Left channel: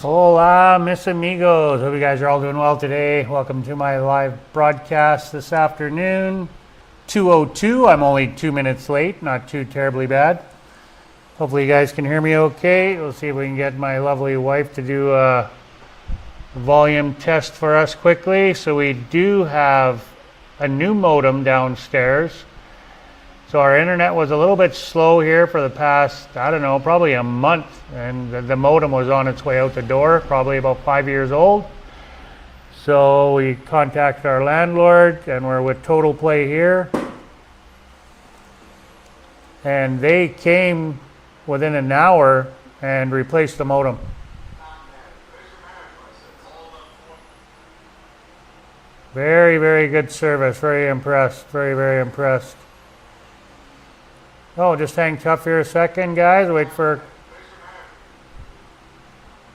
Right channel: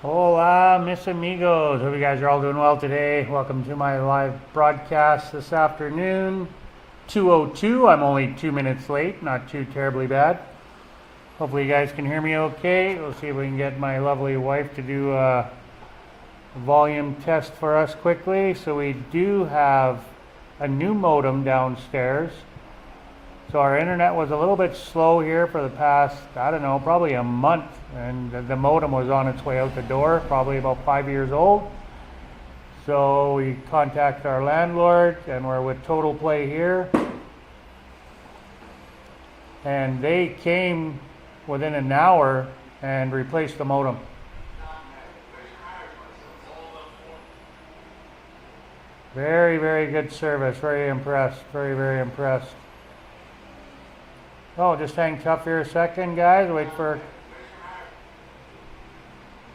Hola, mis amigos. Hope you guys are all doing well today. Welcome to my live broadcast this afternoon. 2:02. I'm only 2 minutes late, not too terribly bad. Hopefully you guys can hear me okay. We'll see if we can get my lovely wife to do a volume test for us quickly. So we do have a new modem downstairs. So our internet was a little bit slow here for the past, I don't know, probably a month. And the modem was on its way out the door, probably about 5 years old. So we contacted our landlord, and we're with Total Play here. And they came within an hour and replaced the modem. Very, very good service. Very impressed. Very, very impressed. Oh, just hang tough here a second, guys. Wait for a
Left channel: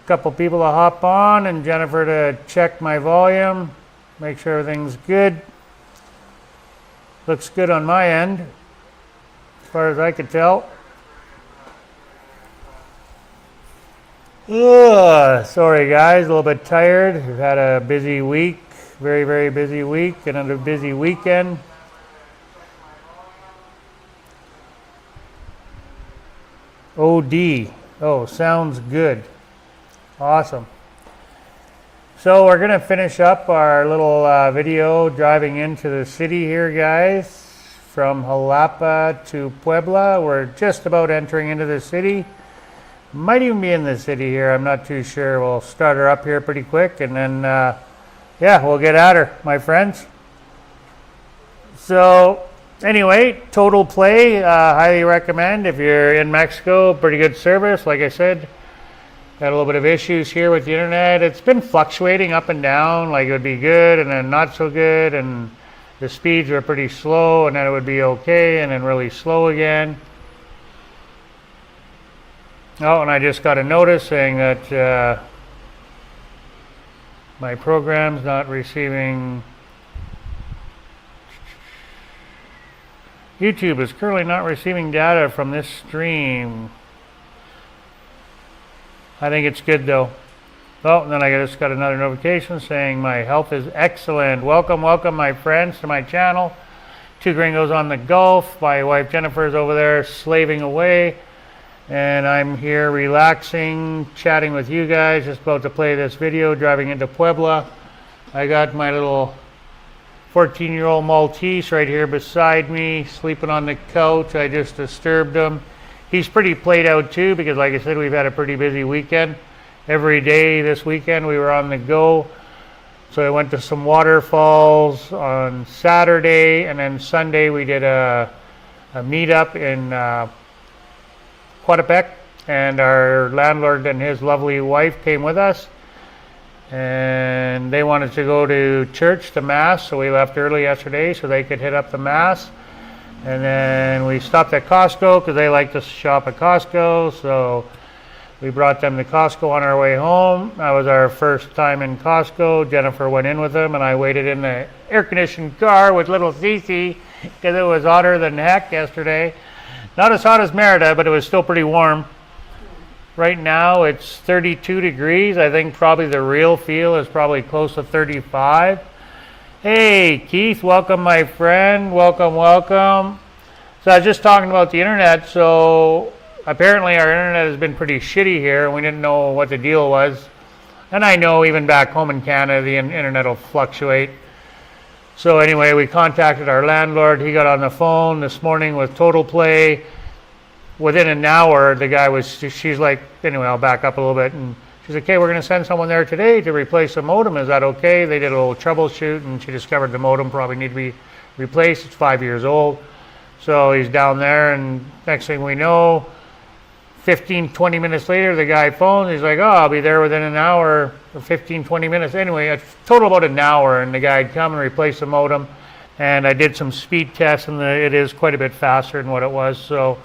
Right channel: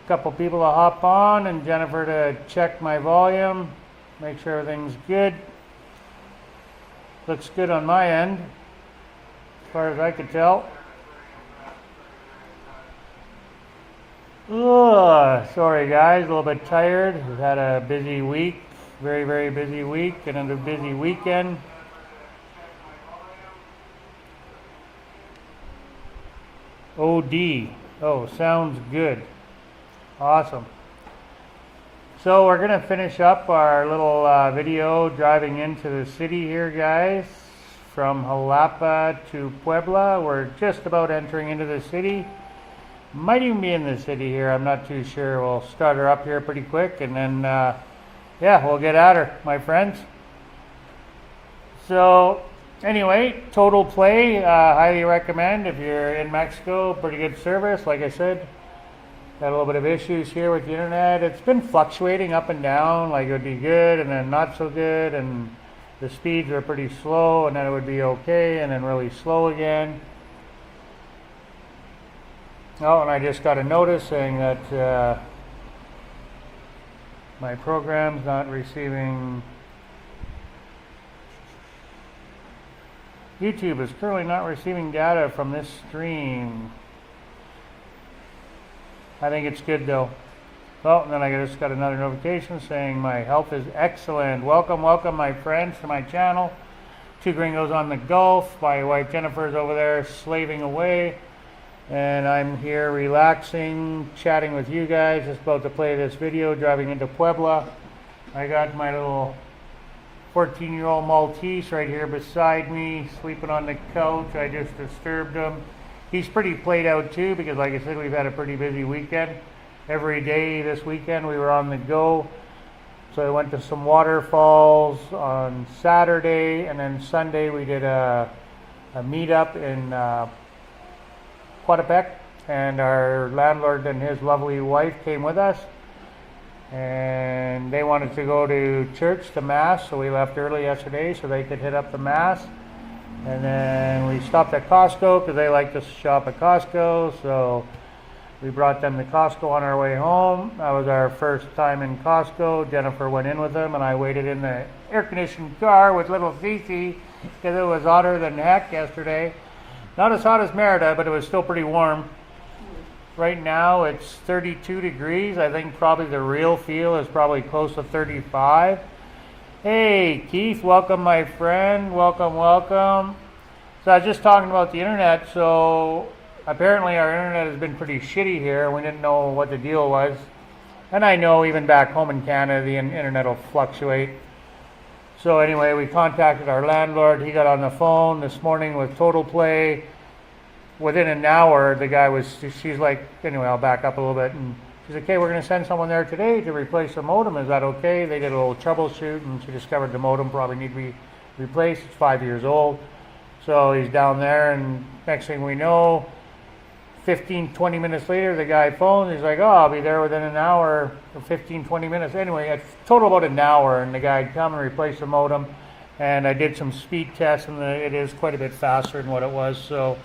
couple people to hop on and Jennifer to check my volume. Make sure everything's good. Looks good on my end, as far as I could tell. Ugh, sorry, guys. A little bit tired. We've had a busy week. Very, very busy week. And another busy weekend. OD. Oh, sounds good. Awesome. So we're going to finish up our little video driving into the city here, guys. From Xalapa to Puebla. We're just about entering into the city. Might even be in the city here. I'm not too sure. We'll start her up here pretty quick and then, yeah, we'll get at her, my friends. So anyway, Total Play, highly recommend if you're in Mexico. Pretty good service, like I said. Had a little bit of issues here with the internet. It's been fluctuating up and down, like it would be good and then not so good, and the speeds are pretty slow and then it would be okay and then really slow again. Oh, and I just got a notice saying that my program's not receiving. YouTube is currently not receiving data from this stream. I think it's good though. Oh, and then I just got another notification saying my health is excellent. Welcome, welcome my friends to my channel. Two Gringos on the Gulf. My wife Jennifer's over there slaving away. And I'm here relaxing, chatting with you guys. Just about to play this video, driving into Puebla. I got my little 14-year-old Maltese right here beside me, sleeping on the couch. I just disturbed him. He's pretty played out too, because like I said, we've had a pretty busy weekend. Every day this weekend we were on the go. So I went to some waterfalls on Saturday, and then Sunday we did a meetup in Quatepec, and our landlord and his lovely wife came with us. And they wanted to go to church, the mass, so we left early yesterday so they could hit up the mass. And then we stopped at Costco because they like to shop at Costco, so we brought them to Costco on our way home. That was our first time in Costco. Jennifer went in with them and I waited in the air-conditioned car with little Cece because it was hotter than heck yesterday. Not as hot as Merida, but it was still pretty warm. Right now it's 32 degrees. I think probably the real feel is probably close to 35. Hey, Keith, welcome my friend. Welcome, welcome. So I was just talking about the internet. So apparently our internet has been pretty shitty here. We didn't know what the deal was. And I know even back home in Canada, the internet will fluctuate. So anyway, we contacted our landlord. He got on the phone this morning with Total Play. Within an hour, the guy was, she's like, anyway, I'll back up a little bit. And she's like, okay, we're going to send someone there today to replace the modem. Is that okay? They did a little troubleshoot, and she discovered the modem probably need to be replaced. It's 5 years old. So he's down there, and next thing we know, 15, 20 minutes later, the guy phones. He's like, oh, I'll be there within an hour, or 15, 20 minutes. Anyway, it's total about an hour, and the guy had come and replaced the modem. And I did some speed tests, and it is quite a bit faster than what it was. So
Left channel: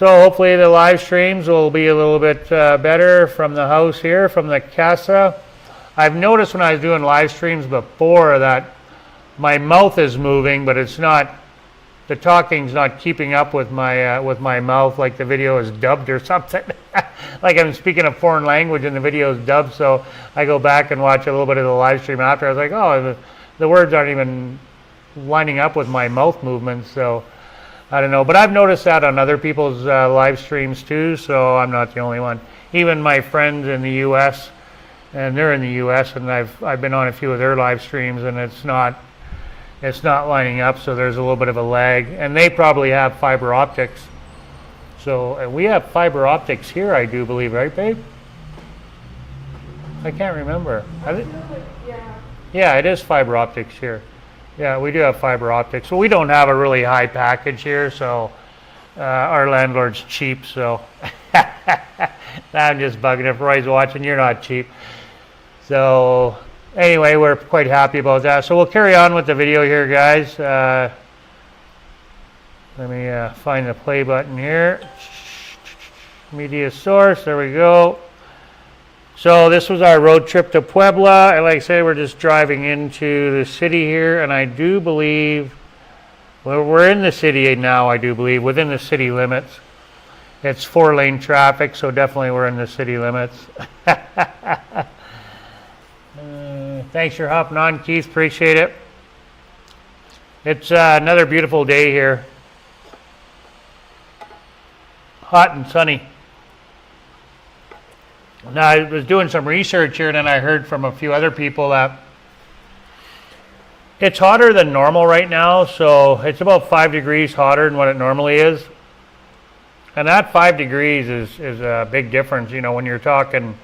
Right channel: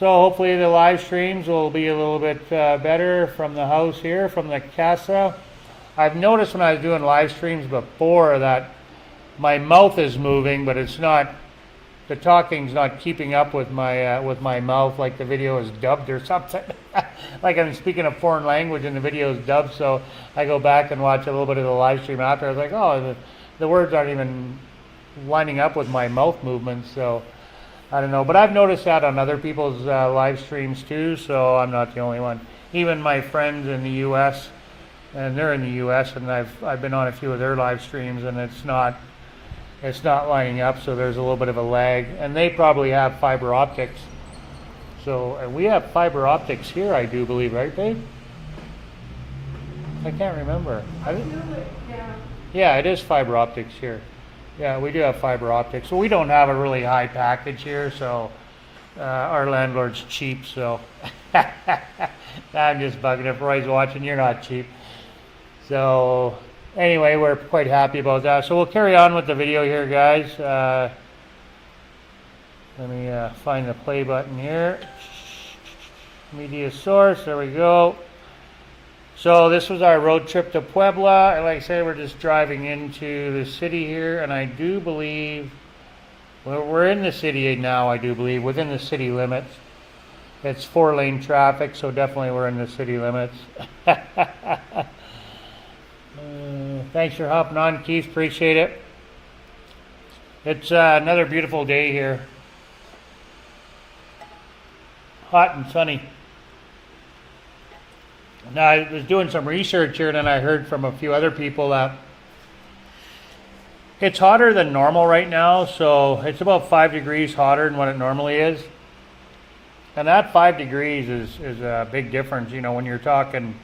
hopefully the live streams will be a little bit better from the house here, from the casa. I've noticed when I was doing live streams before that my mouth is moving, but it's not the talking's not keeping up with my mouth, like the video is dubbed or something. Like I'm speaking a foreign language and the video is dubbed, so I go back and watch a little bit of the live stream after. I was like, oh, the words aren't even lining up with my mouth movements, so I don't know. But I've noticed that on other people's live streams too, so I'm not the only one. Even my friends in the U.S., and they're in the U.S., and I've been on a few of their live streams, and it's not lining up, so there's a little bit of a lag. And they probably have fiber optics. So we have fiber optics here, I do believe, right, babe? I can't remember. Yeah, it is fiber optics here. Yeah, we do have fiber optics. So we don't have a really high package here, so our landlord's cheap, so I'm just bugging. If Roy's watching, you're not cheap. So anyway, we're quite happy about that. So we'll carry on with the video here, guys. Let me find the play button here. Media source, there we go. So this was our road trip to Puebla. Like I said, we're just driving into the city here, and I do believe, well, we're in the city now, I do believe, within the city limits. It's 4-lane traffic, so definitely we're in the city limits. Thanks for hopping on, Keith. Appreciate it. It's another beautiful day here. Hot and sunny. Now, I was doing some research here, and then I heard from a few other people that it's hotter than normal right now, so it's about 5 degrees hotter than what it normally is. And that 5 degrees is a big difference, you know, when you're talking,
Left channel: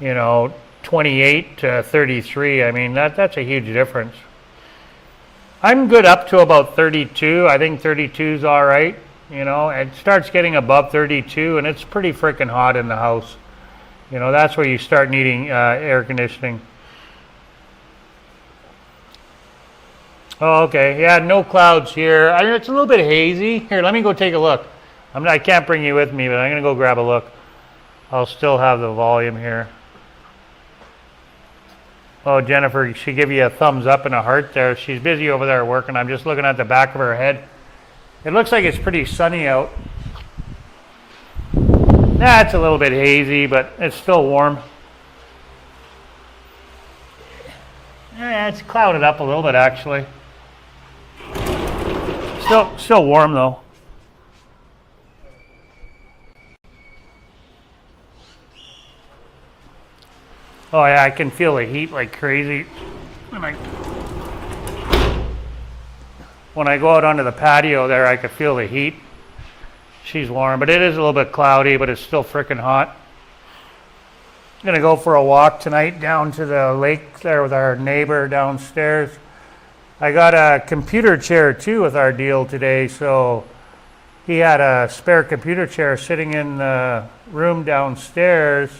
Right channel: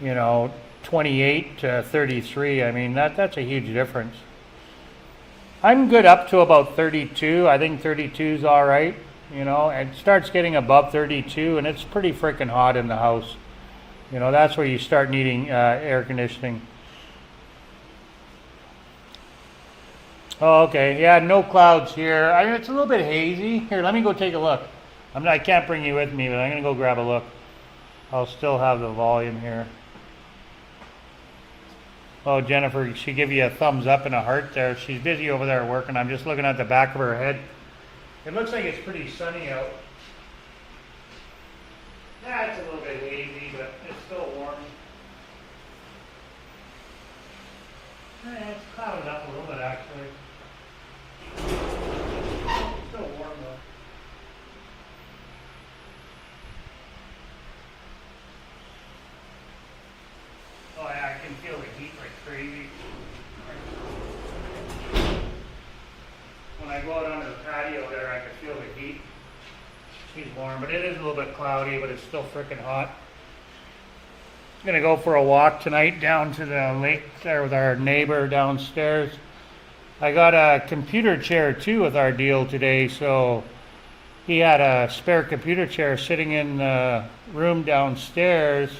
you know, 28 to 33. I mean, that's a huge difference. I'm good up to about 32. I think 32 is all right. You know, it starts getting above 32, and it's pretty freaking hot in the house. You know, that's where you start needing air conditioning. Oh, okay. Yeah, no clouds here. I mean, it's a little bit hazy. Here, let me go take a look. I can't bring you with me, but I'm going to go grab a look. I'll still have the volume here. Oh, Jennifer, she gave you a thumbs up and a heart there. She's busy over there working. I'm just looking at the back of her head. It looks like it's pretty sunny out. Yeah, it's a little bit hazy, but it's still warm. Yeah, it's clouded up a little bit, actually. Still warm, though. Oh, yeah, I can feel the heat like crazy. When I go out onto the patio there, I can feel the heat. She's warm, but it is a little bit cloudy, but it's still freaking hot. I'm going to go for a walk tonight down to the lake there with our neighbor downstairs. I got a computer chair too with our deal today, so he had a spare computer chair sitting in the room downstairs,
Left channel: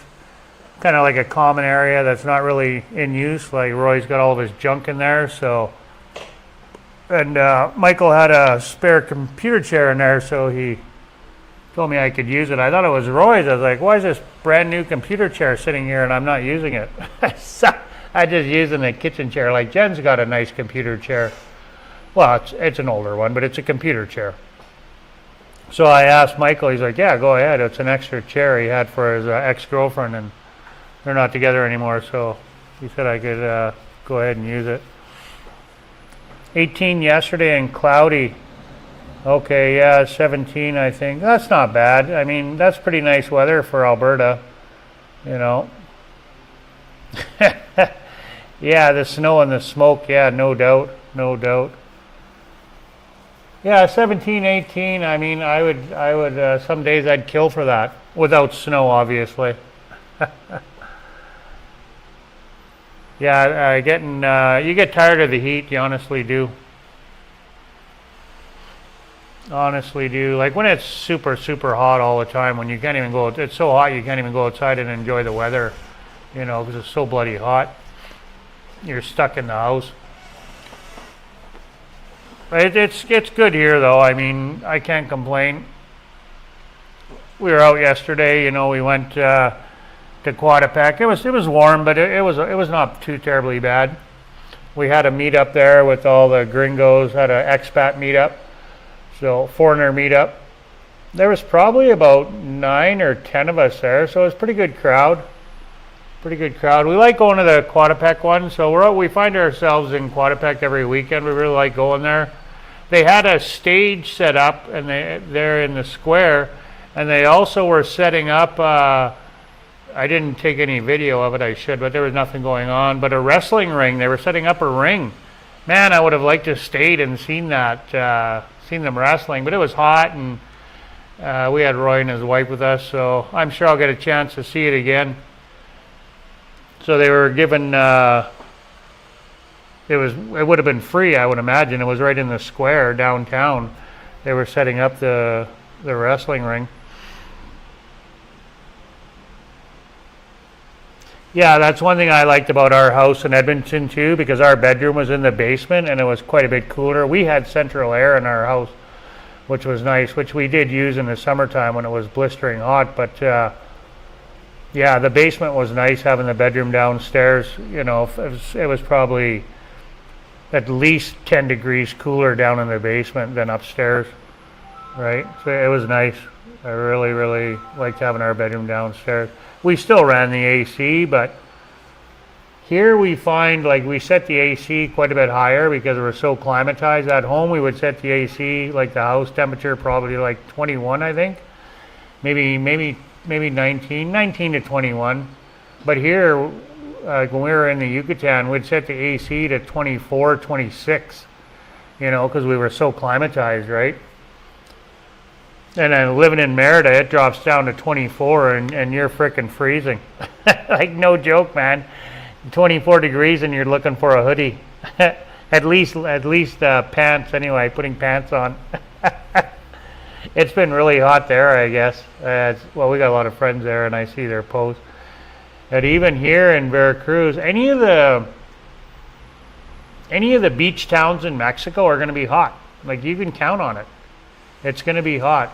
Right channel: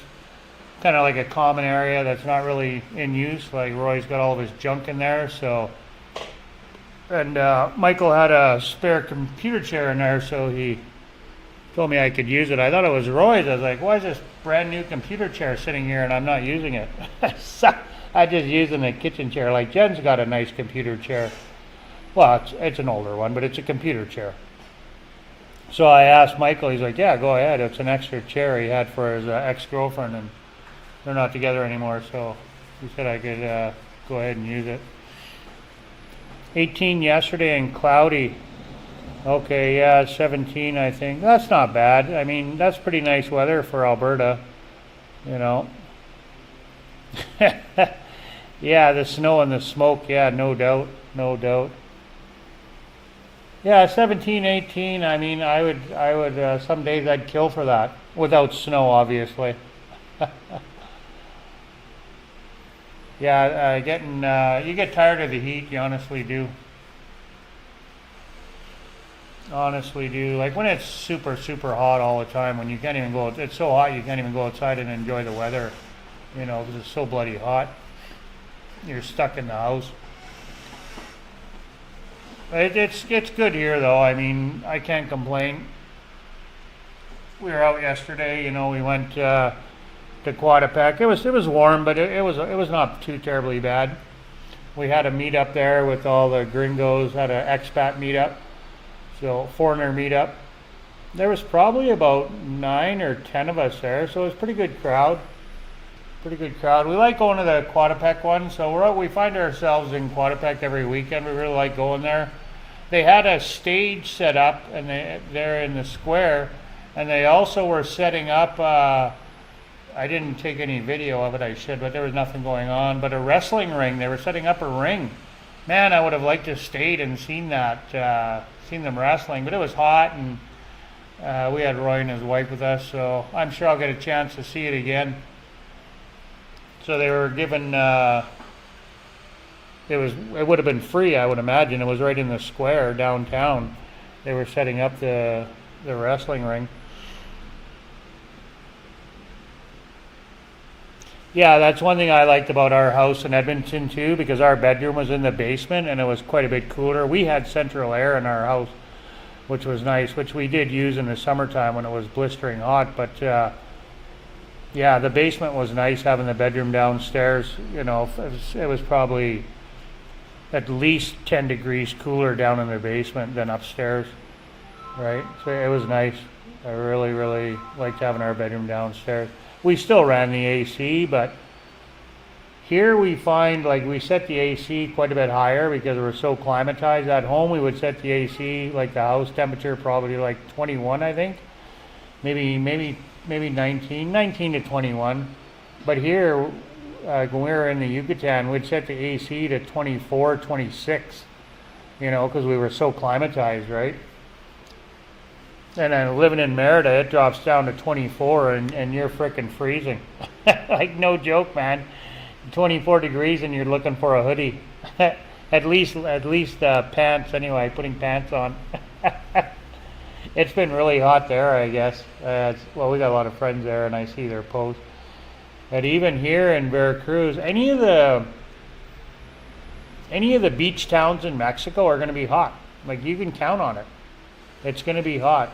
kind of like a common area that's not really in use. Like Roy's got all of his junk in there, so. And Michael had a spare computer chair in there, so he told me I could use it. I thought it was Roy's. I was like, why is this brand new computer chair sitting here and I'm not using it? So I just using the kitchen chair. Like Jen's got a nice computer chair. Well, it's an older one, but it's a computer chair. So I asked Michael, he's like, yeah, go ahead. It's an extra chair he had for his ex-girlfriend, and they're not together anymore, so he said I could go ahead and use it. 18 yesterday and cloudy. Okay, yeah, 17 I think. That's not bad. I mean, that's pretty nice weather for Alberta, you know. Yeah, the snow and the smoke, yeah, no doubt, no doubt. Yeah, 17, 18, I mean, I would some days I'd kill for that, without snow, obviously. Yeah, you get tired of the heat, you honestly do. Honestly do. Like when it's super, super hot all the time, when you can't even go, it's so hot you can't even go outside and enjoy the weather, you know, because it's so bloody hot. You're stuck in the house. It's good here though. I mean, I can't complain. We were out yesterday, you know, we went to Quadapec. It was warm, but it was not too terribly bad. We had a meetup there with all the gringos, had an expat meetup. So foreigner meetup. There was probably about 9 or 10 of us there, so it was a pretty good crowd. Pretty good crowd. We like going to the Quadepec one, so we find ourselves in Quadepec every weekend. We really like going there. They had a stage set up, and they're in the square, and they also were setting up. I didn't take any video of it. I should, but there was nothing going on. But a wrestling ring. They were setting up a ring. Man, I would have liked to have stayed and seen that, seen them wrestling. But it was hot, and we had Roy and his wife with us, so I'm sure I'll get a chance to see it again. So they were given, it would have been free, I would imagine. It was right in the square downtown. They were setting up the wrestling ring. Yeah, that's one thing I liked about our house in Edmonton too, because our bedroom was in the basement and it was quite a bit cooler. We had central air in our house, which was nice, which we did use in the summertime when it was blistering hot, but yeah, the basement was nice, having the bedroom downstairs. You know, it was probably at least 10 degrees cooler down in the basement than upstairs, right? So it was nice. I really, really liked having our bedroom downstairs. We still ran the AC, but here we find, like, we set the AC quite a bit higher because we're so climatized. At home, we would set the AC, like the house temperature, probably like 21, I think. Maybe 19 to 21. But here, when we were in the Yucatan, we'd set the AC to 24, 26, you know, because we were so climatized, right? And then living in Merida, it drops down to 24 and you're frickin' freezing. Like, no joke, man. 24 degrees and you're looking for a hoodie. at least pants anyway, putting pants on. It's been really hot there, I guess. Well, we got a lot of friends there, and I see their posts. But even here in Veracruz, any of the beach towns in Mexico are going to be hot. Like, you can count on it. It's going to be hot.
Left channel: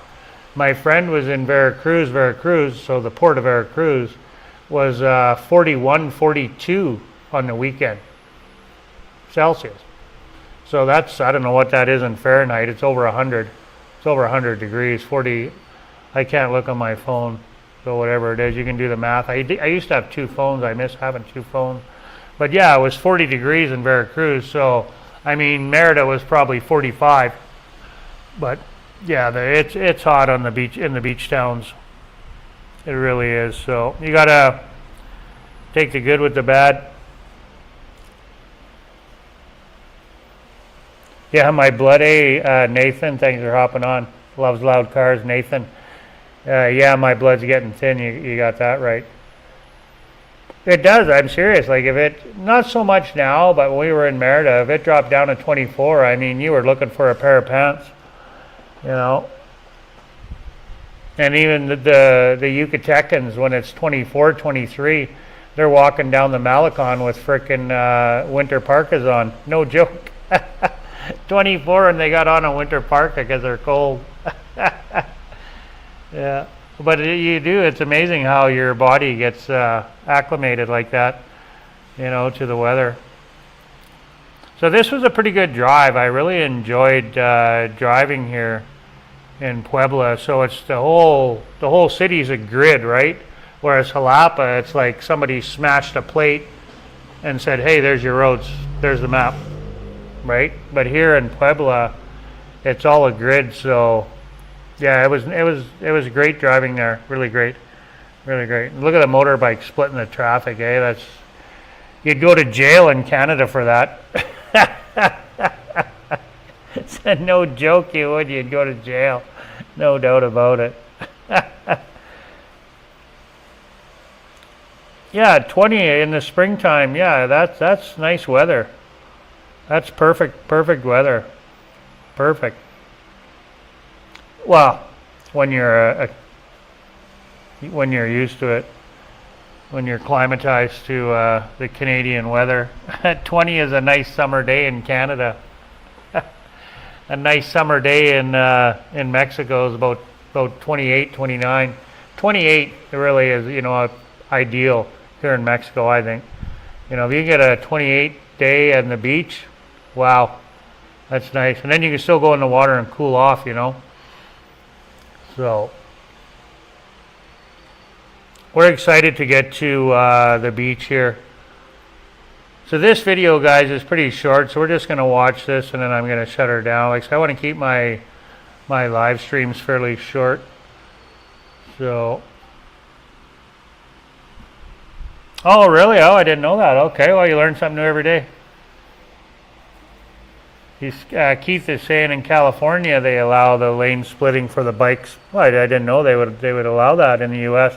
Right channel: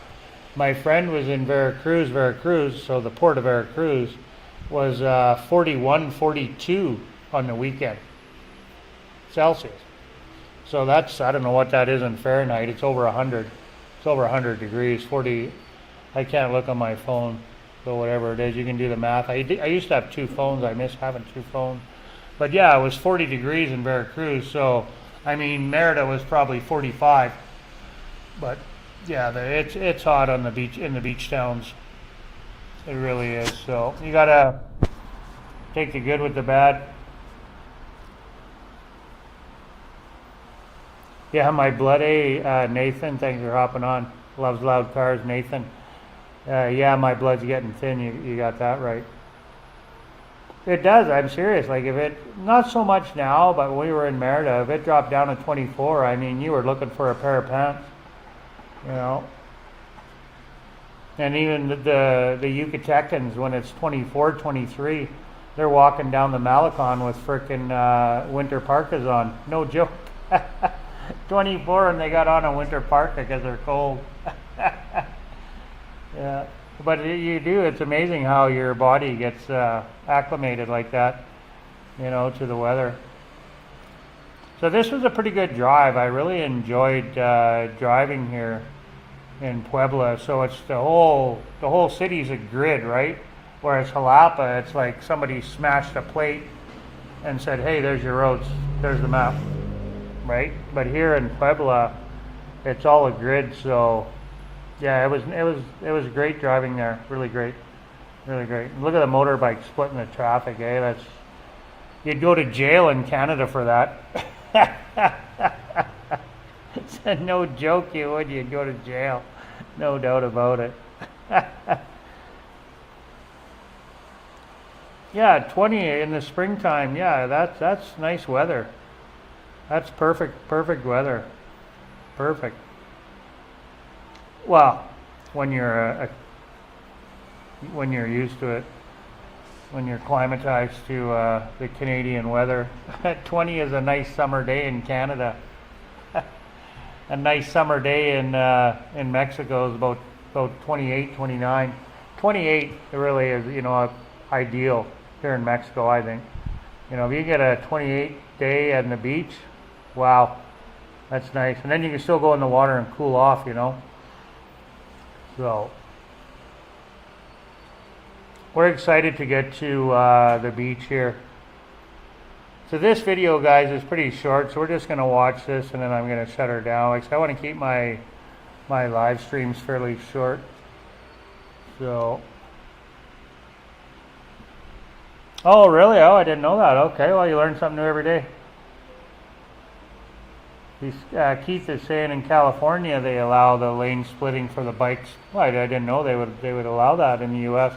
My friend was in Veracruz, so the port of Veracruz was 41, 42 on the weekend Celsius. So that's, I don't know what that is in Fahrenheit. It's over 100. It's over 100 degrees, 40. I can't look on my phone, so whatever it is, you can do the math. I used to have 2 phones. I miss having 2 phones. But yeah, it was 40 degrees in Veracruz. So, I mean, Merida was probably 45. But yeah, it's hot on the beach, in the beach towns. It really is. So you gotta take the good with the bad. Yeah, my blood A, Nathan, thanks for hopping on. Loves loud cars, Nathan. Yeah, my blood's getting thin. You got that right. It does. I'm serious. Like, if it, not so much now, but when we were in Merida, if it dropped down to 24, I mean, you were looking for a pair of pants, you know. And even the Yucatecans, when it's 24, 23, they're walking down the Malecon with frickin' winter parkas on. No joke. 24 and they got on a winter parka because they're cold. Yeah, but you do. It's amazing how your body gets acclimated like that, you know, to the weather. So this was a pretty good drive. I really enjoyed driving here in Puebla. So it's the whole city's a grid, right? Whereas Xalapa, it's like somebody smashed a plate and said, "Hey, there's your roads. There's the map." Right? But here in Puebla, it's all a grid. So yeah, it was great driving there. Really great. Really great. Look at the motorbike splitting the traffic, eh? That's, you'd go to jail in Canada for that. No joke, you would. You'd go to jail. No doubt about it. Yeah, 20 in the springtime. Yeah, that's nice weather. That's perfect weather. Perfect. Well, when you're when you're used to it, when you're climatized to the Canadian weather. 20 is a nice summer day in Canada. A nice summer day in Mexico is about 28, 29. 28 really is, you know, ideal here in Mexico, I think. You know, if you get a 28 day on the beach, wow, That's nice. And then you can still go in the water and cool off, you know. So we're excited to get to the beach here. So this video, guys, is pretty short, so we're just going to watch this and then I'm going to shut her down. Like I said, I want to keep my live streams fairly short. So, oh really? Oh, I didn't know that. Okay, well, you learn something new every day. Keith is saying in California they allow the lane splitting for the bikes. Well, I didn't know they would allow that in the U.S.,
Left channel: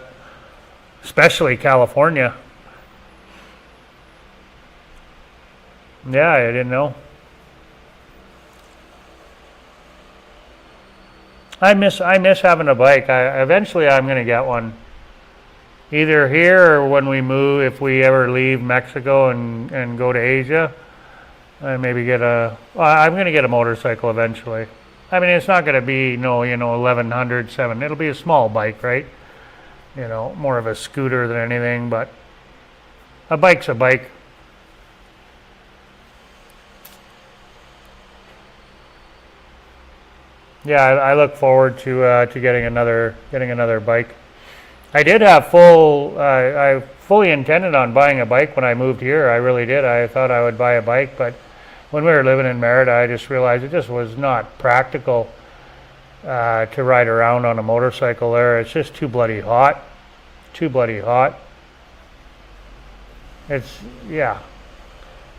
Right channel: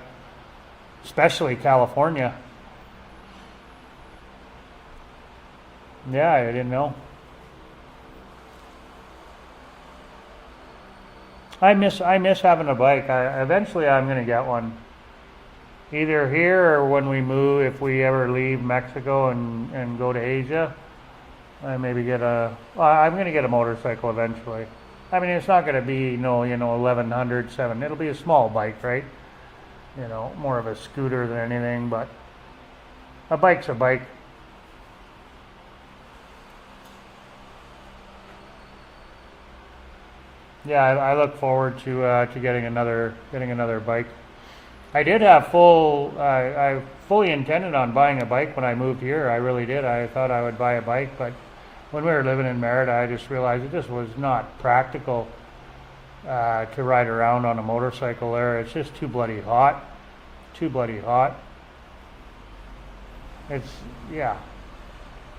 especially California. Yeah, I didn't know. I miss having a bike. Eventually I'm going to get one. Either here or when we move, if we ever leave Mexico and go to Asia, I maybe get I'm going to get a motorcycle eventually. I mean, it's not going to be 1100, 7. It'll be a small bike, right? You know, more of a scooter than anything, but a bike's a bike. Yeah, I look forward to getting another bike. I did have I fully intended on buying a bike when I moved here. I really did. I thought I would buy a bike, but when we were living in Merida, I just realized it just was not practical to ride around on a motorcycle there. It's just too bloody hot. Too bloody hot. It's, yeah.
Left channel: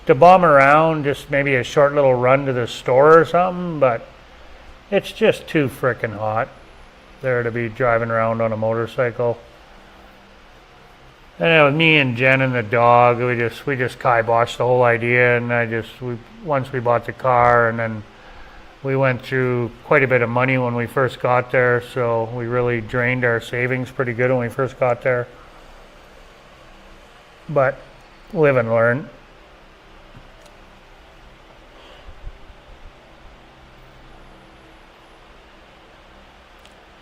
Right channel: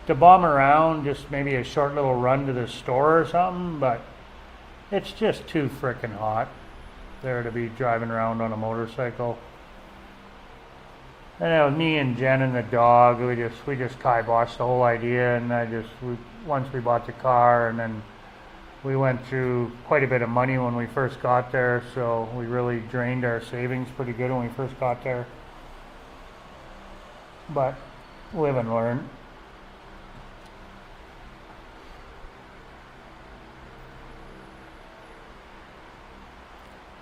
To bomb around, just maybe a short little run to the store or something, but it's just too frickin' hot there to be driving around on a motorcycle. And with me and Jen and the dog, we just kiboshed the whole idea, and once we bought the car, and then we went through quite a bit of money when we first got there, so we really drained our savings pretty good when we first got there. But live and learn.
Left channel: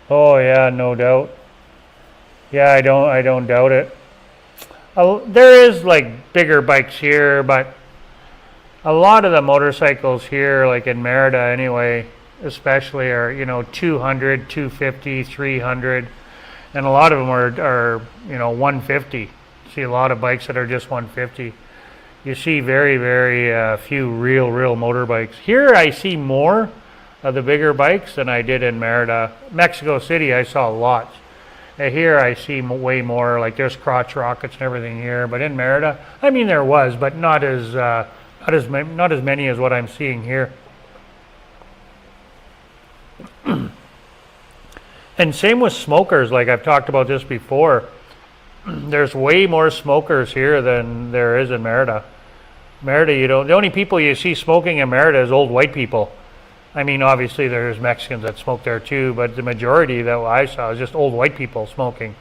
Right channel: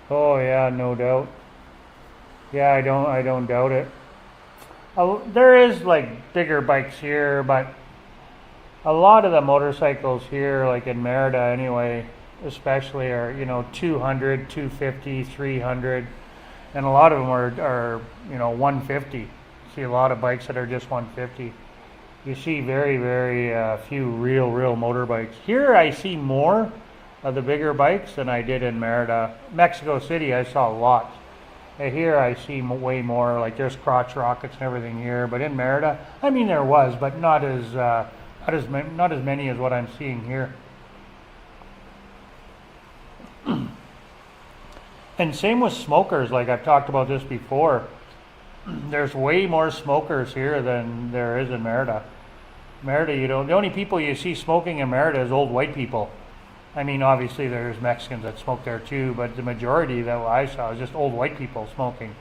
Oh yeah, no doubt. Yeah, I don't doubt it. There is like bigger bikes here, but a lot of the motorcycles here, like in Merida anyway, especially are 200, 250, 300, and a lot of them are 150. See a lot of bikes that are just 150. You see very, very few real motorbikes. Here I see more of the bigger bikes than I did in Merida. Mexico City I saw lots. Here I see way more, like there's crotch rockets and everything here, but in Merida, I mean there was, but not as many as what I'm seeing here. And same with smokers, like I've talked about this before. There's way more smokers here than there is in Merida. Merida, the only people you see smoking in Merida is old white people. I mean, obviously there's Mexicans that smoke there too, but the majority that I saw is just old white people smoking.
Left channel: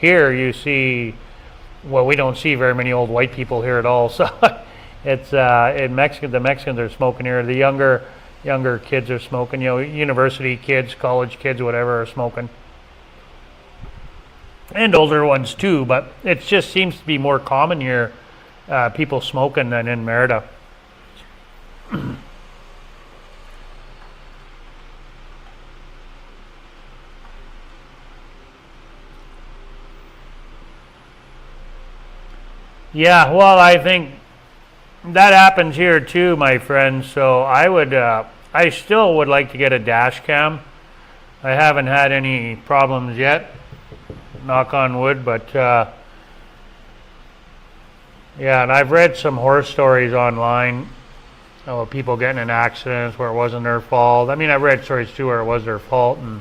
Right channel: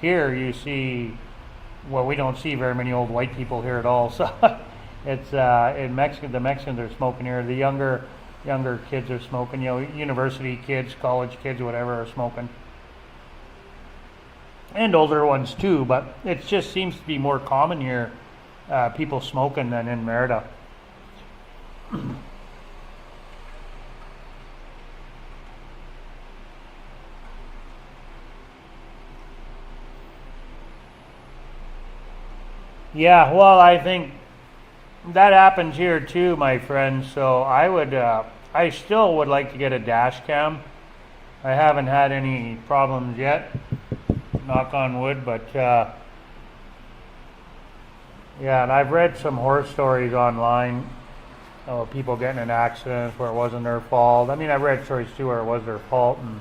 Here you see, well, we don't see very many old white people here at all. So it's in Mexico, the Mexicans are smoking here. The younger kids are smoking. University kids, college kids, whatever, are smoking, and older ones too. But it just seems to be more common here, people smoking, than in Merida. Yeah, well, I think that happens here too, my friend. So I still would like to get a dash cam. I haven't had any problems yet, knock on wood, but yeah, and I've read some horror stories online of people getting in accidents where it wasn't their fault. I mean, I've read stories too where it was their fault, and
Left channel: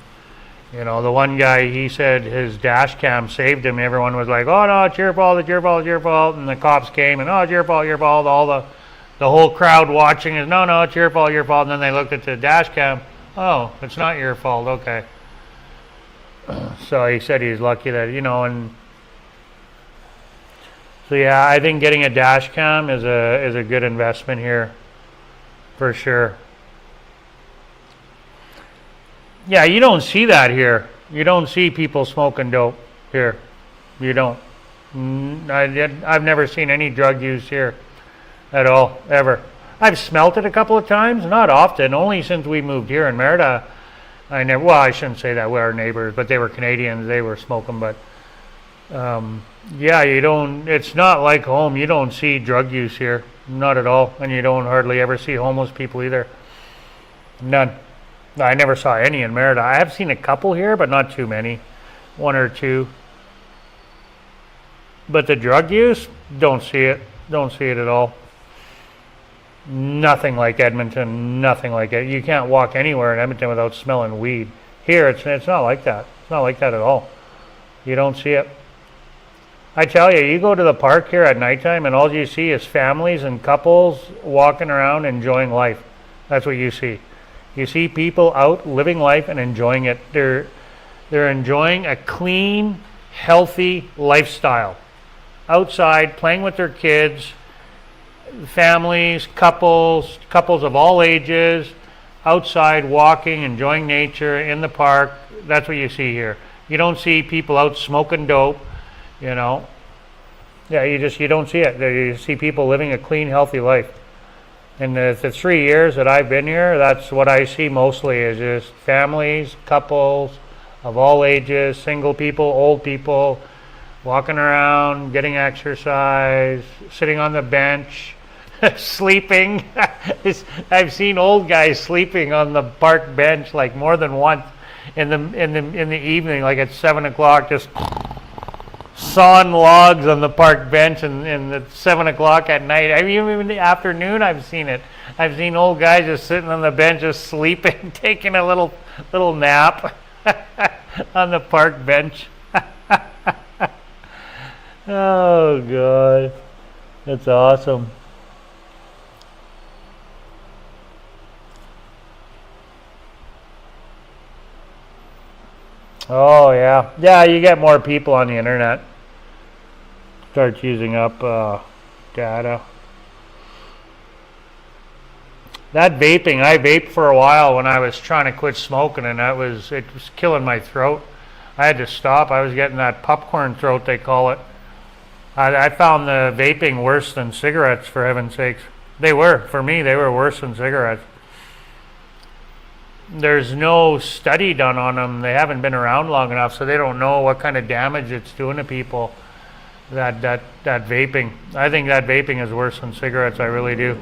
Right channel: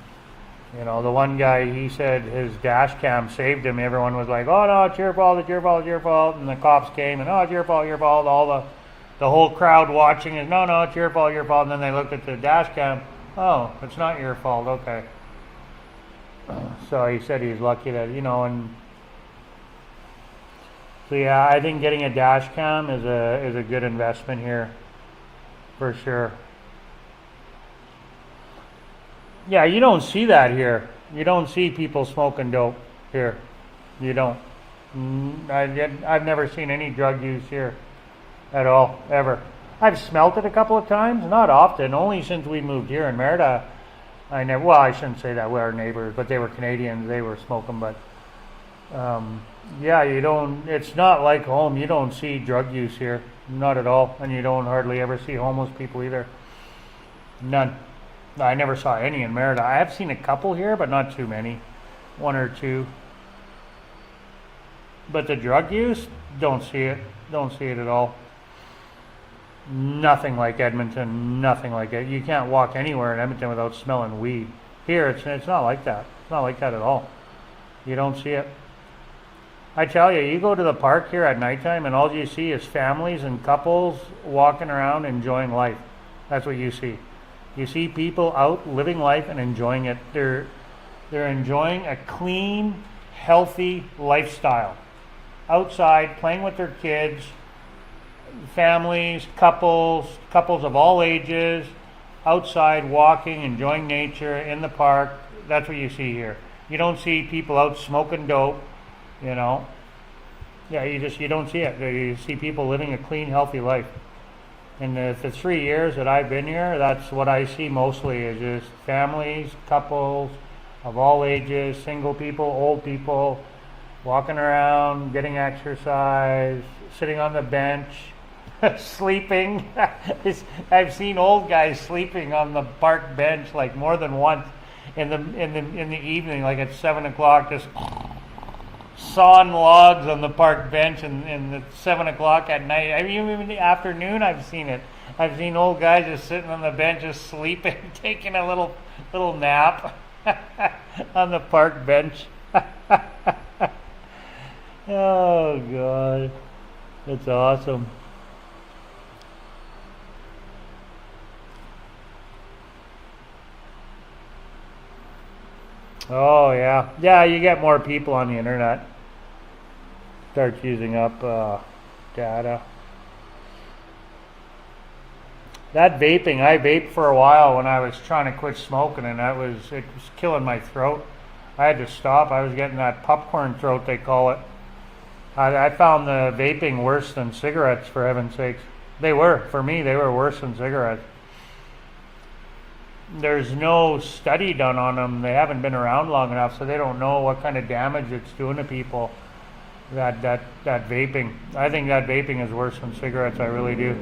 the one guy, he said his dash cam saved him. Everyone was like, oh no, it's your fault, it's your fault, it's your fault. And the cops came and, oh, it's your fault, your fault. All the whole crowd watching is, no, it's your fault, your fault. And then they looked at the dash cam, oh, it's not your fault, okay. So he said he's lucky that, and so yeah, I think getting a dash cam is a good investment here, for sure. Yeah, you don't see that here. You don't see people smoking dope here. You don't. I've never seen any drug use here at all, ever. I've smelt it a couple of times, not often, only since we moved here in Merida. Well, I shouldn't say that, we're our neighbors, but they were Canadians, they were smoking, but yeah, it's not like home. You don't see drug use here, not at all, and you don't hardly ever see homeless people either. None. I never saw any in Merida. I have seen a couple here, but not too many, one or two. But the drug use, don't see it at all. Nothing like Edmonton, nothing like it. You can't walk anywhere in Edmonton without smelling weed. Here, it's not like that. It's not like that at all. You don't see it. I tell you, you go to the park here at nighttime and all you see is families and couples walking around enjoying life. That's what you see. You see people out living life and enjoying it. They're enjoying a clean, healthy lifestyle. Outside, playing with their kids, families, couples of all ages, outside walking, enjoying nature in the park. That's what you see here. You don't see people out smoking dope, you know. Yeah, you don't see it. You see people living a clean, healthy life. In the 3 years that I've been here, that's what I see mostly, is just families, couples of all ages, single people, old people, walking around, getting exercise, sitting on the bench, sleeping. I've seen old guys sleeping on the park bench like more than once in the evening, like at 7 o'clock, just sawing logs on the park bench, and at 7 o'clock at night. I mean, even in the afternoon, I've seen it. I've seen old guys just sitting on the bench, just sleeping, taking a little nap on the park bench. Oh God, that's awesome. Oh yeah, you get more people on the internet. Starts using up data. That vaping, I vaped for a while when I was trying to quit smoking, and it was killing my throat. I had to stop. I was getting that popcorn throat, they call it. I found the vaping worse than cigarettes, for heaven's sakes. For me, they were worse than cigarettes. There's no study done on them. They haven't been around long enough, so they don't know what kind of damage it's doing to people. That vaping. I think that vaping is worse than cigarettes. I really do.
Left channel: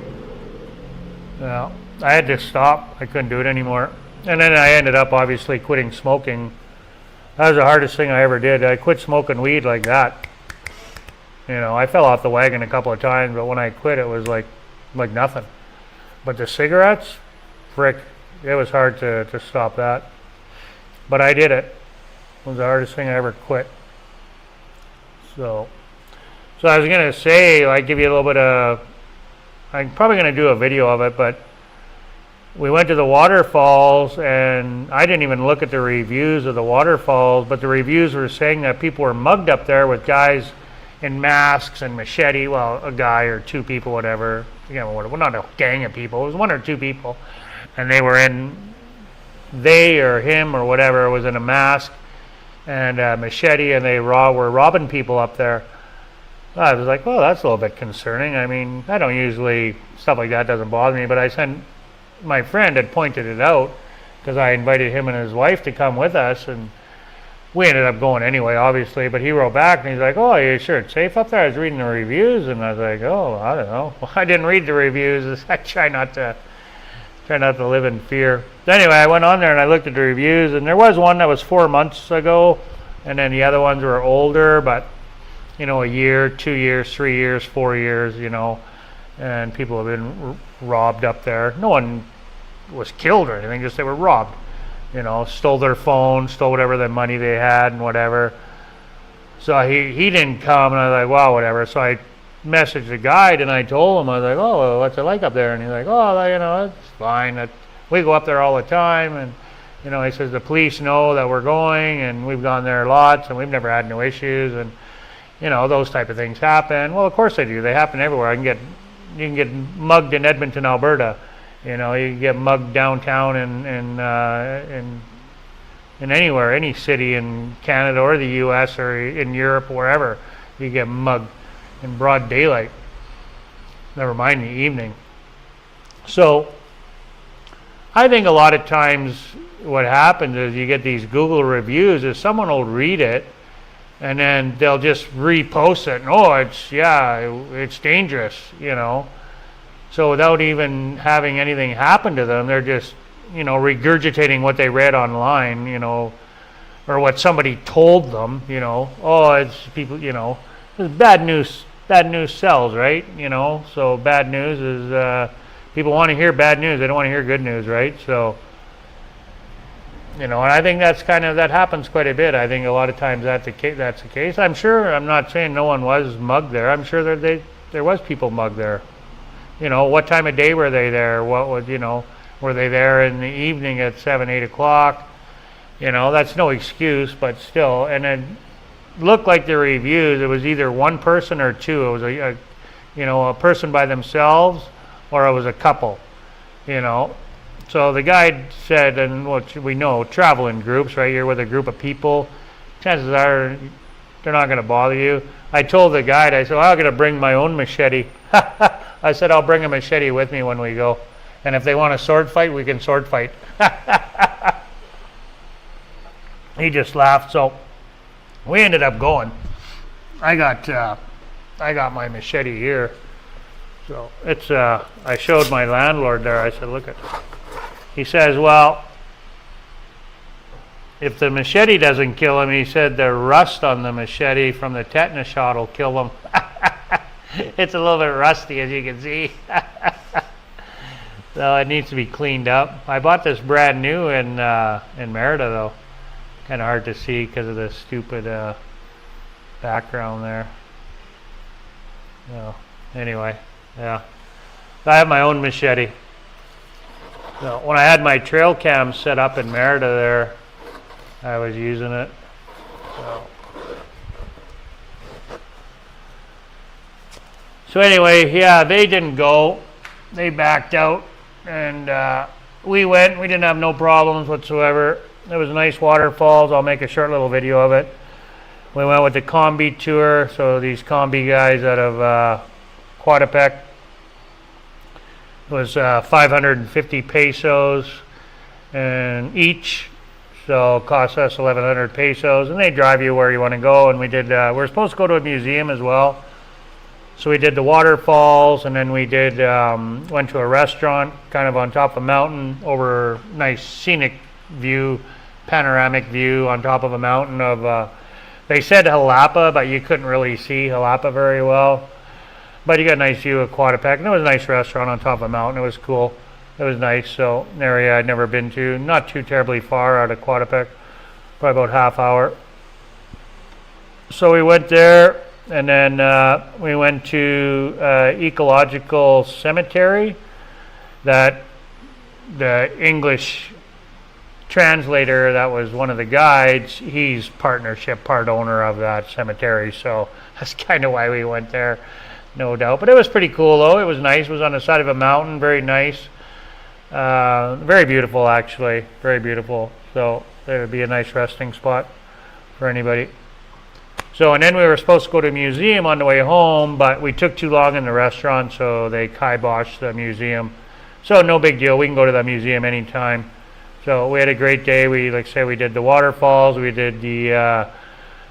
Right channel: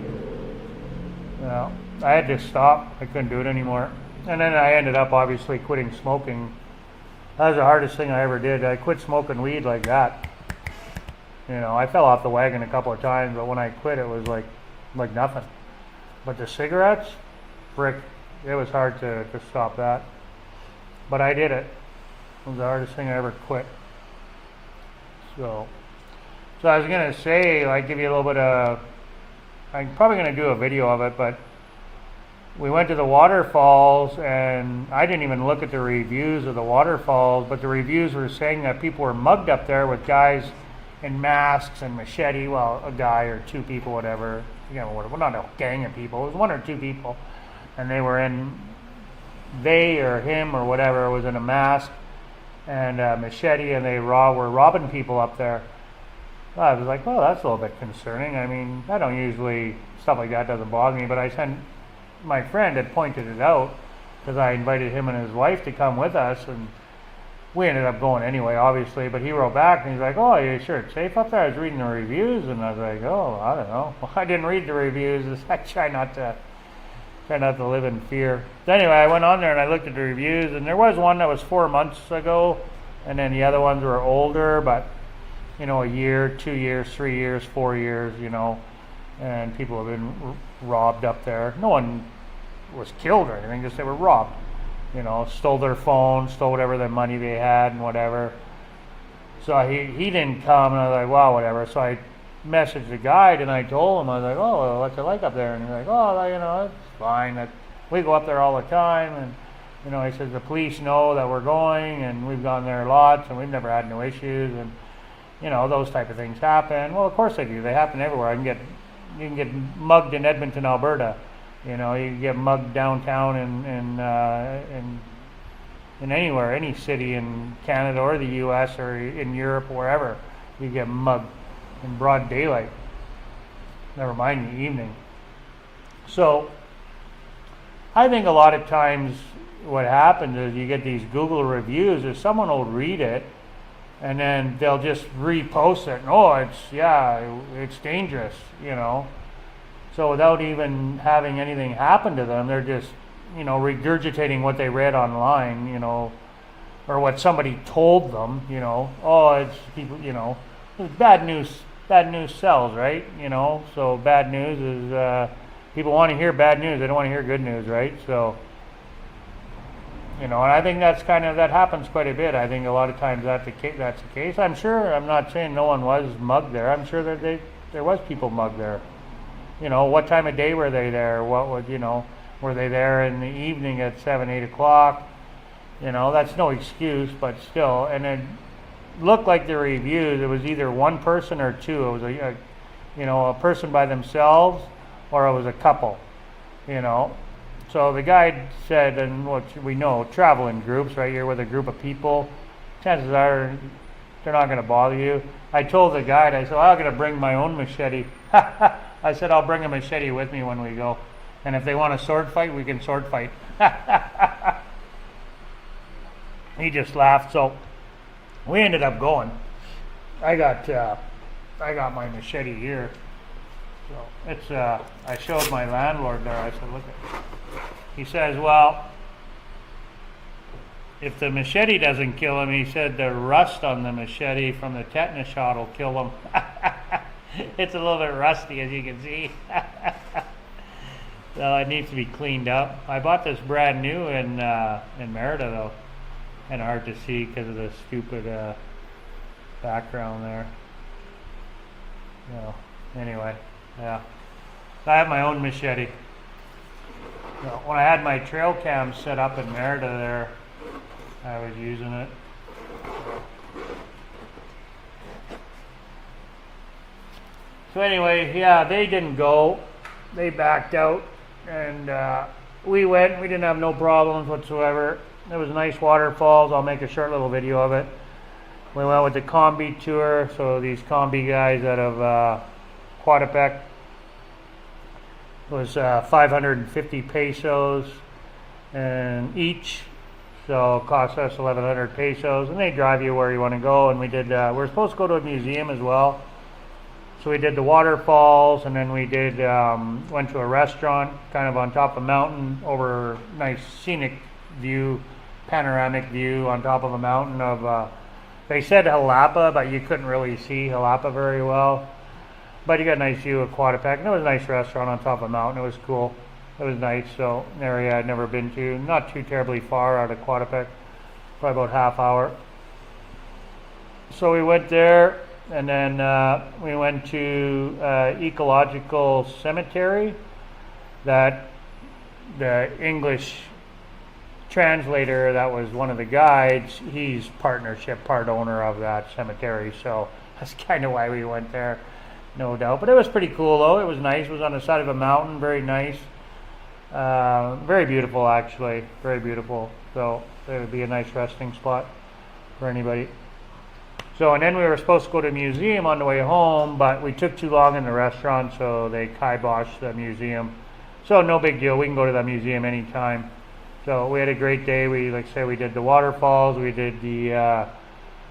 Yeah, I had to stop. I couldn't do it anymore. And then I ended up obviously quitting smoking. That was the hardest thing I ever did. I quit smoking weed like that. You know, I fell off the wagon a couple of times, but when I quit, it was like nothing. But the cigarettes, frick, it was hard to stop that. But I did it. It was the hardest thing I ever quit. So I was going to say, like, give you a little bit of, I'm probably going to do a video of it, but we went to the waterfalls, and I didn't even look at the reviews of the waterfalls, but the reviews were saying that people were mugged up there with guys in masks and machete, well, a guy or two people, whatever, you know, well, not a gang of people, it was one or two people, and they or him or whatever was in a mask and a machete, and they were robbing people up there. I was like, well, that's a little bit concerning. I mean, I don't usually, stuff like that doesn't bother me, but my friend had pointed it out because I invited him and his wife to come with us, and we ended up going anyway, obviously, but he wrote back and he's like, oh, are you sure it's safe up there? I was reading the reviews, and I was like, oh, I don't know. Well, I didn't read the reviews. I try not to live in fear. So anyway, I went on there and I looked at the reviews, and there was one that was 4 months ago, and then the other ones were older, but, you know, a year, 2 years, 3 years, 4 years, you know, and people have been robbed up there. No one was killed or anything, just they were robbed. You know, stole their phone, stole whatever the money they had and whatever. So he didn't come, and I was like, well, whatever. So I messaged the guide, and I told him, I was like, oh, well, what's it like up there? And he's like, oh, you know, it's fine. We go up there all the time, and, you know, he says the police know that we're going, and we've gone there lots, and we've never had no issues, and, you know, those type of things happen. Well, of course they do. They happen everywhere. You can get mugged in Edmonton, Alberta. You know, you get mugged downtown in anywhere, any city in Canada or the U.S. or in Europe, wherever, you get mugged in broad daylight. Never mind the evening. So I think a lot of times what happens is you get these Google reviews is someone will read it and then they'll just repost it and it's dangerous, So without even having anything happen to them, they're just, regurgitating what they read online, or what somebody told them, it's people, it's bad news sells, right? So bad news is, people want to hear bad news, they don't want to hear good news, right? So, and I think that happens quite a bit. I think a lot of times that's the case. I'm not saying no one was mugged there. I'm sure there was people mugged there. What time of day were they there? What was, were they there in the evening at 7, 8 o'clock? That's no excuse, but still. And it looked like the reviews, it was either one person or two. It was a person by themselves, or it was a couple, So the guide said, and what we know, travel in groups, right? You're with a group of people. Chances are they're not going to bother you. I told the guide, I said, I'm going to bring my own machete. I said, I'll bring a machete with me when we go. And if they want to sword fight, we can sword fight. He just laughed. So we ended up going. I got my machete here. So it's I showed my landlord there. I said, look at. He says, well, if the machete doesn't kill him, he said the rust on the machete from the tetanus shot will kill him. It's a little bit rusty, as you can see. So it needs to be cleaned up. I bought this brand new in Merida, though. Kind of hard to see because of the stupid background there. Anyway, yeah. I have my own machete. So when I had my trail cam set up in Merida there, I was using it. So anyway, yeah, they didn't go. They backed out, and we went. We didn't have no problems whatsoever. There was nice waterfalls. I'll make a short little video of it. We went with the combi tour. So these combi guys out of Coatepec. It was 550 pesos and each, so it cost us 1,100 pesos, and they drive you where you want to go. And we did. We're supposed to go to a museum as well, so we did the waterfalls, and then we did went to a restaurant, kind of on top of a mountain, over nice scenic view, panoramic view on top of a mountain of. They said Xalapa, but you couldn't really see Xalapa very well. But you got a nice view of Coatepec, and it was a nice restaurant on top of a mountain. It was cool. It was nice. So an area I'd never been to, not too terribly far out of Coatepec, probably about half hour. So we went there, and then we went to ecological cemetery. That the English translator, that was one of the guides. He's part owner of that cemetery. So that's kind of why we went there. No doubt. But it was pretty cool, though. It was nice. It was on the side of a mountain. Very nice. Very beautiful, actually. Very beautiful. So it would be a nice resting spot for anybody. So, and then we were supposed to go to a museum on the way home, but we took too long in the restaurant, so they kiboshed the museum. So no big deal. We can go to the museum anytime. So we had a great day. We, like I say, we did the waterfalls. We did the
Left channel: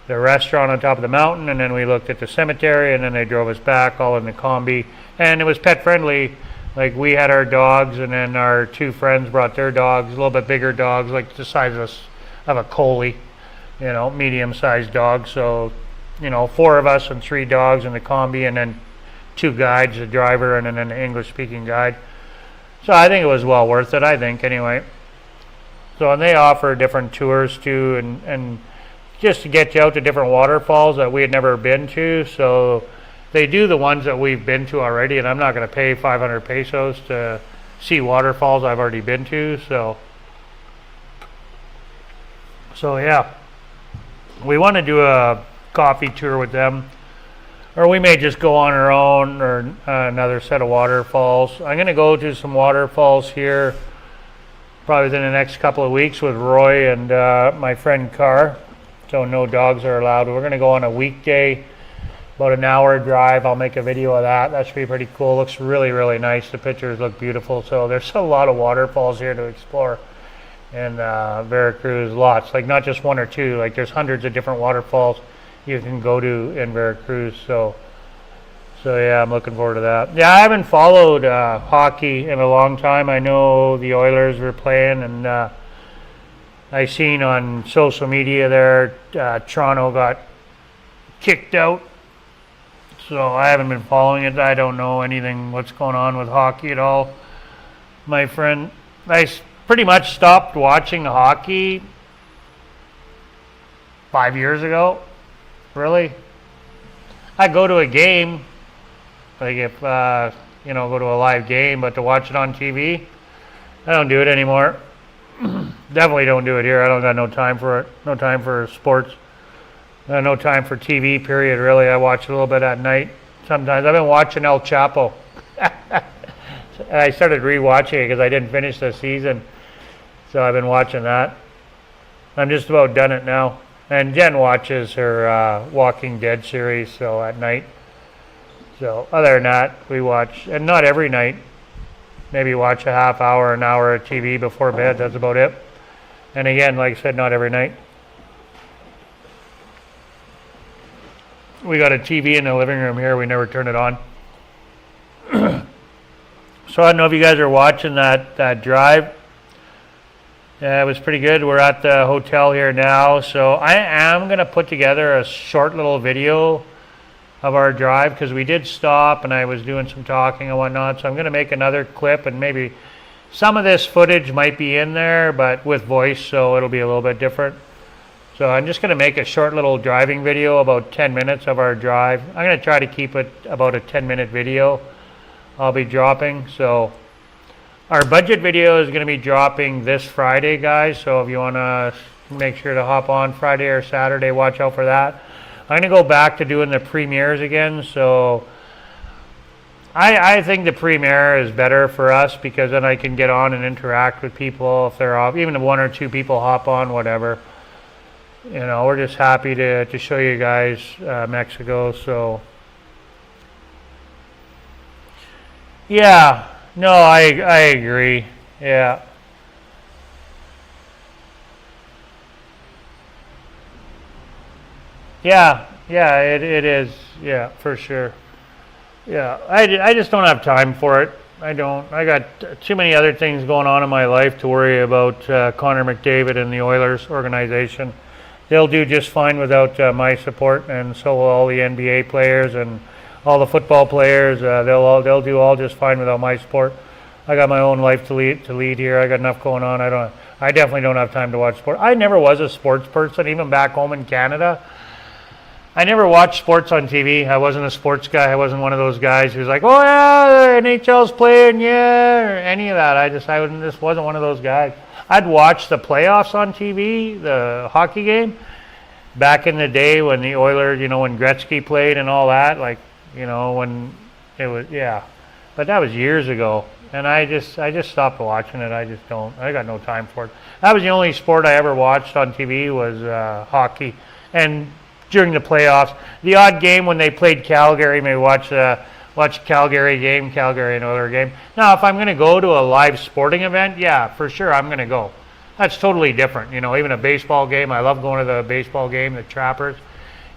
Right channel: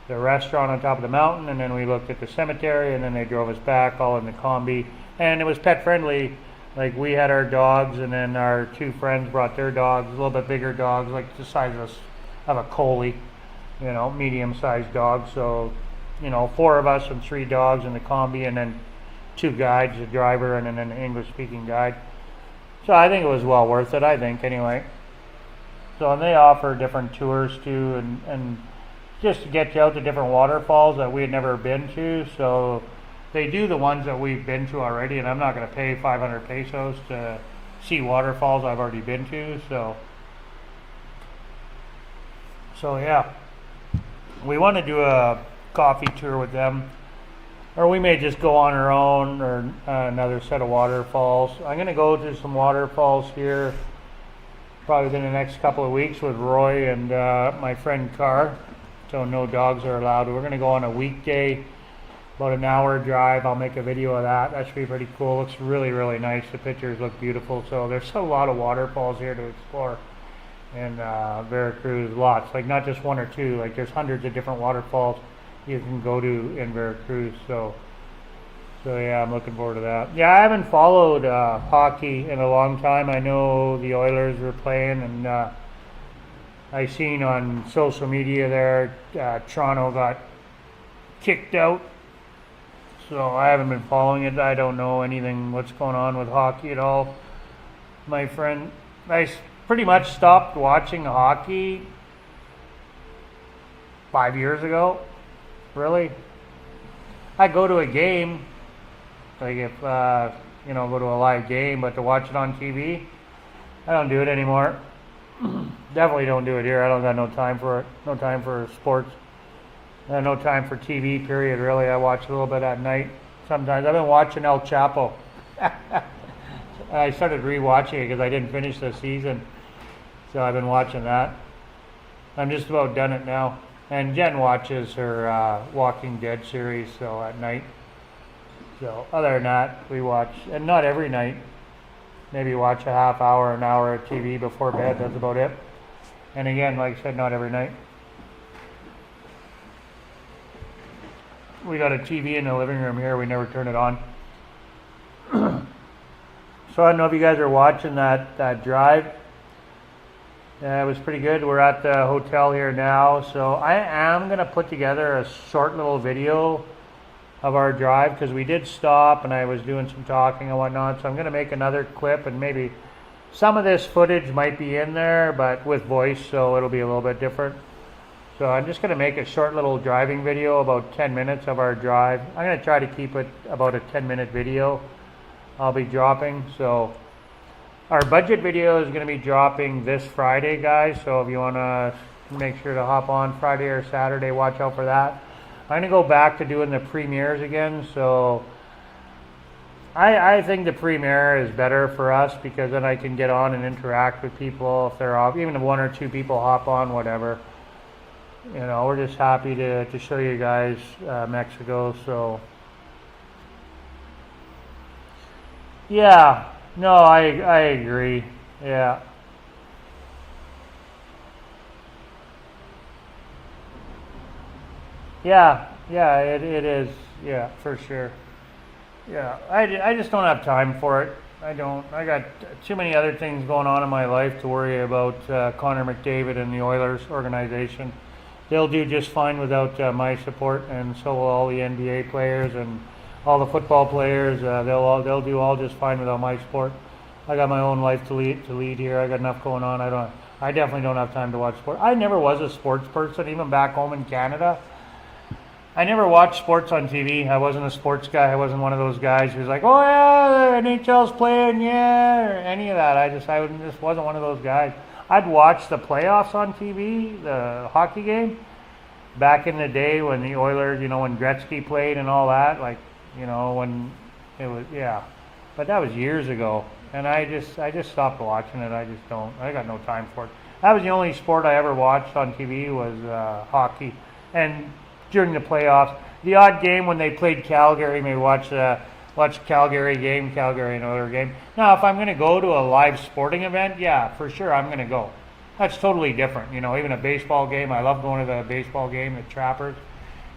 restaurant on top of the mountain, and then we looked at the cemetery, and then they drove us back all in the combi. And it was pet friendly. Like, we had our dogs, and then our two friends brought their dogs, a little bit bigger dogs, like the size of a collie, medium-sized dogs. So, 4 of us and 3 dogs in the combi, and then 2 guides, a driver and then an English-speaking guide. So I think it was well worth it, anyway. So, and they offer different tours too, and just to get you out to different waterfalls that we had never been to. So they do the ones that we've been to already, and I'm not going to pay 500 pesos to see waterfalls I've already been to. So yeah, we want to do a coffee tour with them, or we may just go on our own, or another set of waterfalls. I'm going to go to some waterfalls here probably within the next couple of weeks with Roy and my friend Carr. So no dogs are allowed. We're going to go on a weekday, about an hour drive. I'll make a video of that. That should be pretty cool. Looks really, really nice. The pictures look beautiful. So there's a lot of waterfalls here to explore in Veracruz. Lots, like not just one or two. Like there's hundreds of different waterfalls you can go to in Veracruz. So yeah, I'm looking forward to that. Yeah, I haven't followed hockey in a long time. I know the Oilers were playing, and I seen on social media there Toronto got kicked out. So I haven't been following it. I don't know anything what's going on with hockey at all, my friend. I pretty much stopped watching hockey 5 years ago. Really, I go to a game. Like if, you know, go to a live game, but to watch it on TV, I don't do it anymore. Definitely don't do it here. I don't got no time for it. No time for sports. No time for TV, period, really. I watch a little bit at night sometimes. I've been watching El Chapo. I started rewatching it because I didn't finish the season. So I've been watching that. I'm just about done it now. And Jen watches her Walking Dead series, so at night. So other than that, we watch, and not every night, maybe watch a half hour, an hour of TV before bed. That's about it. And again, like I said, not every night. We got a TV in the living room here. We never turn it on. So I don't know if you guys are watching that drive. Yeah, it was pretty good. We're at the hotel here now. So I am going to put together a short little video of our drive because we did stop and I was doing some talking and whatnot. So I'm going to make another clip, and maybe some of this footage might be in there, but with voice, so it'll be a little bit different. So I'm just going to make a short little driving video, about 10 minutes of our drive. I'm going to try to keep it about a 10-minute video I'll be dropping. So our budget video is going to be dropping this Friday, guys. So if you want to make sure to hop on Friday or Saturday, watch out for that. I'm going to go back to doing the premieres again. So I think the premiere is better for us because then I can get on and interact with people if they're off. Even if one or two people hop on, whatever. You know, we're just happy to show you guys Mexico. So yeah, no, I agree. Yeah. Yeah, it is. Yeah, for sure. Yeah, I just don't have time for it. I don't. I got too many other things going on in my life to worry about Connor McDavid and the Oilers organization. They'll do just fine without my support, and so will all the NBA players and all the football players. They'll do all just fine without my support. I got my own life to lead here. I got enough going on. I definitely don't have time to watch sport. I never was a sports person, even back home in Canada. I never watched sports on TV. I wasn't a sports guy. I wasn't one of those guys who's like, oh yeah, the NHL's playing, yeah, or any of that. I just wasn't one of those guys. I'd watch the playoffs on TV, the hockey game, back in the day when the Oilers, you know, when Gretzky played and all that, like, you know, when it was, yeah. But that was years ago, and I just stopped watching it. I got no time for it. That was the only sport I ever watched on TV was hockey, and during the playoffs, the odd game when they played Calgary, maybe watch Calgary game, Calgary and Oilers game. Now, if I'm going to go to a live sporting event, yeah, for sure I'm going to go. That's totally different. You know, even a baseball game, I love going to the baseball game, the Trappers,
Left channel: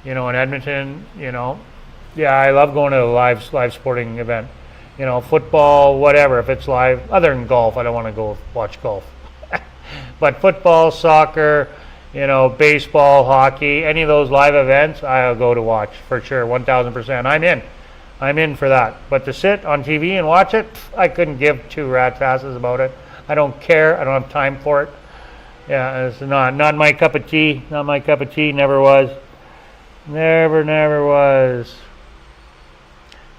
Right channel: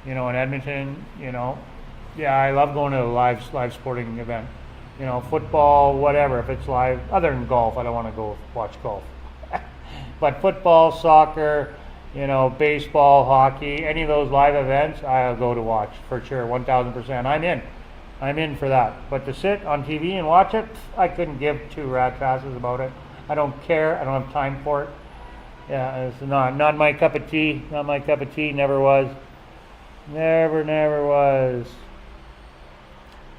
you know, in Edmonton, you know. Yeah, I love going to a live sporting event. You know, football, whatever, if it's live. Other than golf, I don't want to go watch golf. But football, soccer, you know, baseball, hockey, any of those live events, I'll go to watch for sure, 1,000%. I'm in for that. But to sit on TV and watch it, I couldn't give two rat's asses about it. I don't care. I don't have time for it. Yeah, it's not my cup of tea. Not my cup of tea. Never was. Never was.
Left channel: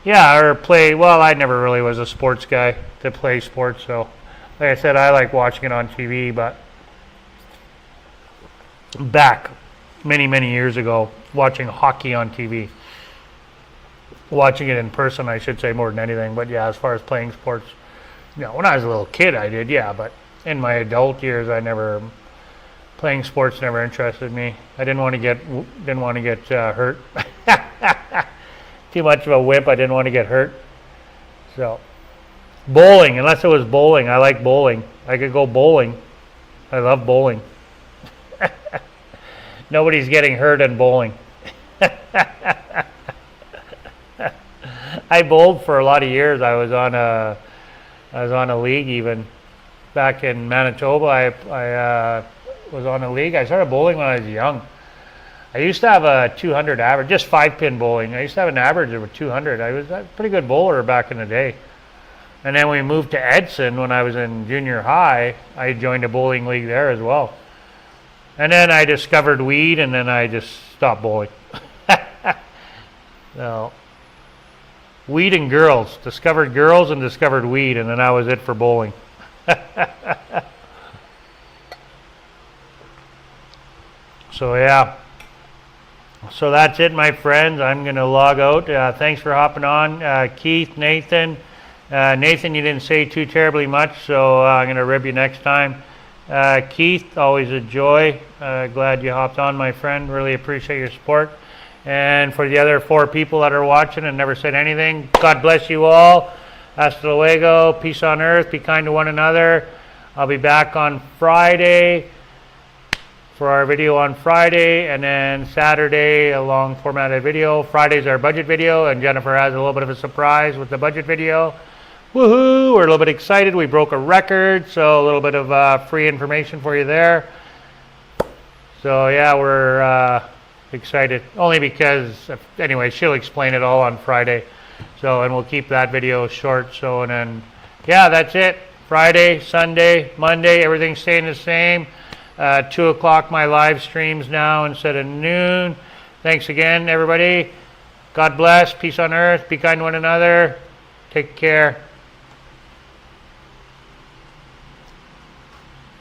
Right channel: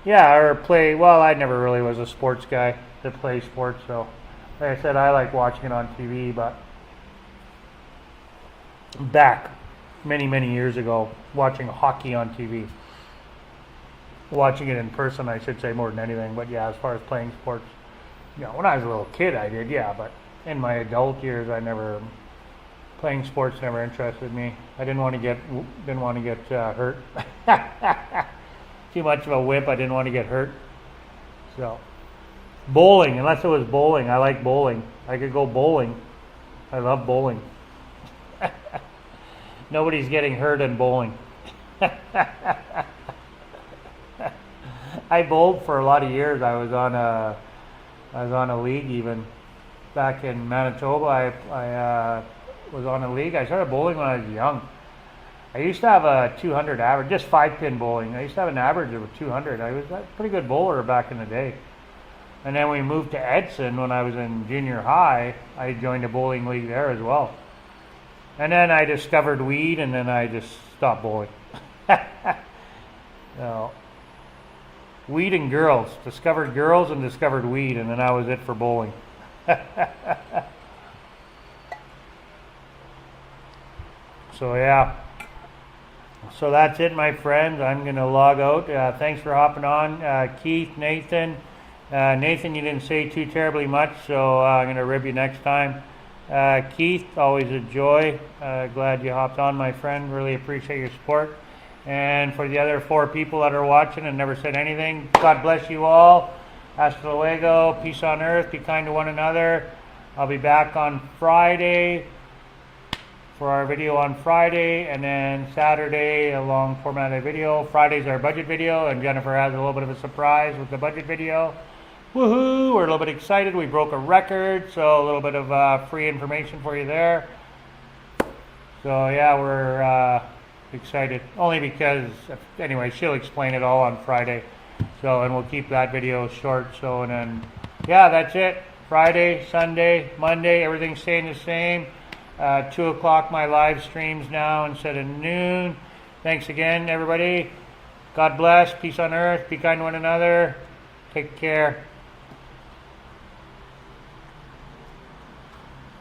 Yeah, or play. Well, I never really was a sports guy to play sports. So, like I said, I like watching it on TV, but back many years ago, watching hockey on TV. Watching it in person, I should say, more than anything. But yeah, as far as playing sports, you know, when I was a little kid, I did, yeah. But in my adult years, playing sports never interested me. I didn't want to get hurt. too much of a wimp. I didn't want to get hurt. So, bowling, unless it was bowling. I like bowling. I could go bowling. I love bowling. Nobody's getting hurt in bowling. I bowled for a lot of years. I was on a league even back in Manitoba. I was on a league. I started bowling when I was young. I used to have a 200 average, just 5-pin bowling. I used to have an average of 200. I was a pretty good bowler back in the day. And then we moved to Edson when I was in junior high. I joined a bowling league there as well. And then I discovered weed, and then I just stopped bowling. So, weed and girls. Discovered girls and discovered weed, and then that was it for bowling. So, yeah. So that's it, my friends. I'm going to log out. Thanks for hopping on. Keith, Nathan. Nathan, you didn't say too terribly much, so I'm going to rib you next time. Keith, always a joy. Glad you hopped on, my friend. Really appreciate your support. And for the other 4 people that are watching and never said anything, God bless you all. Hasta luego. Peace on earth. Be kind to one another. I'll be back on Friday for our video on Friday, and then Saturday a long formatted video. Friday's our budget video, and Jennifer has a little bit of a surprise with the budget video. Woohoo! We're a little bit excited. We broke a record, so a little bit of free information for you there. So yeah, we're excited. Only because, anyway, she'll explain it all on Friday. So, and we'll keep that video short. So, and then, yeah, that's it. Friday, Sunday, Monday, everything's staying the same. 2 o'clock my live streams now instead of noon. Thanks again, everybody. God bless. Peace on earth. Be kind to one another. Take care.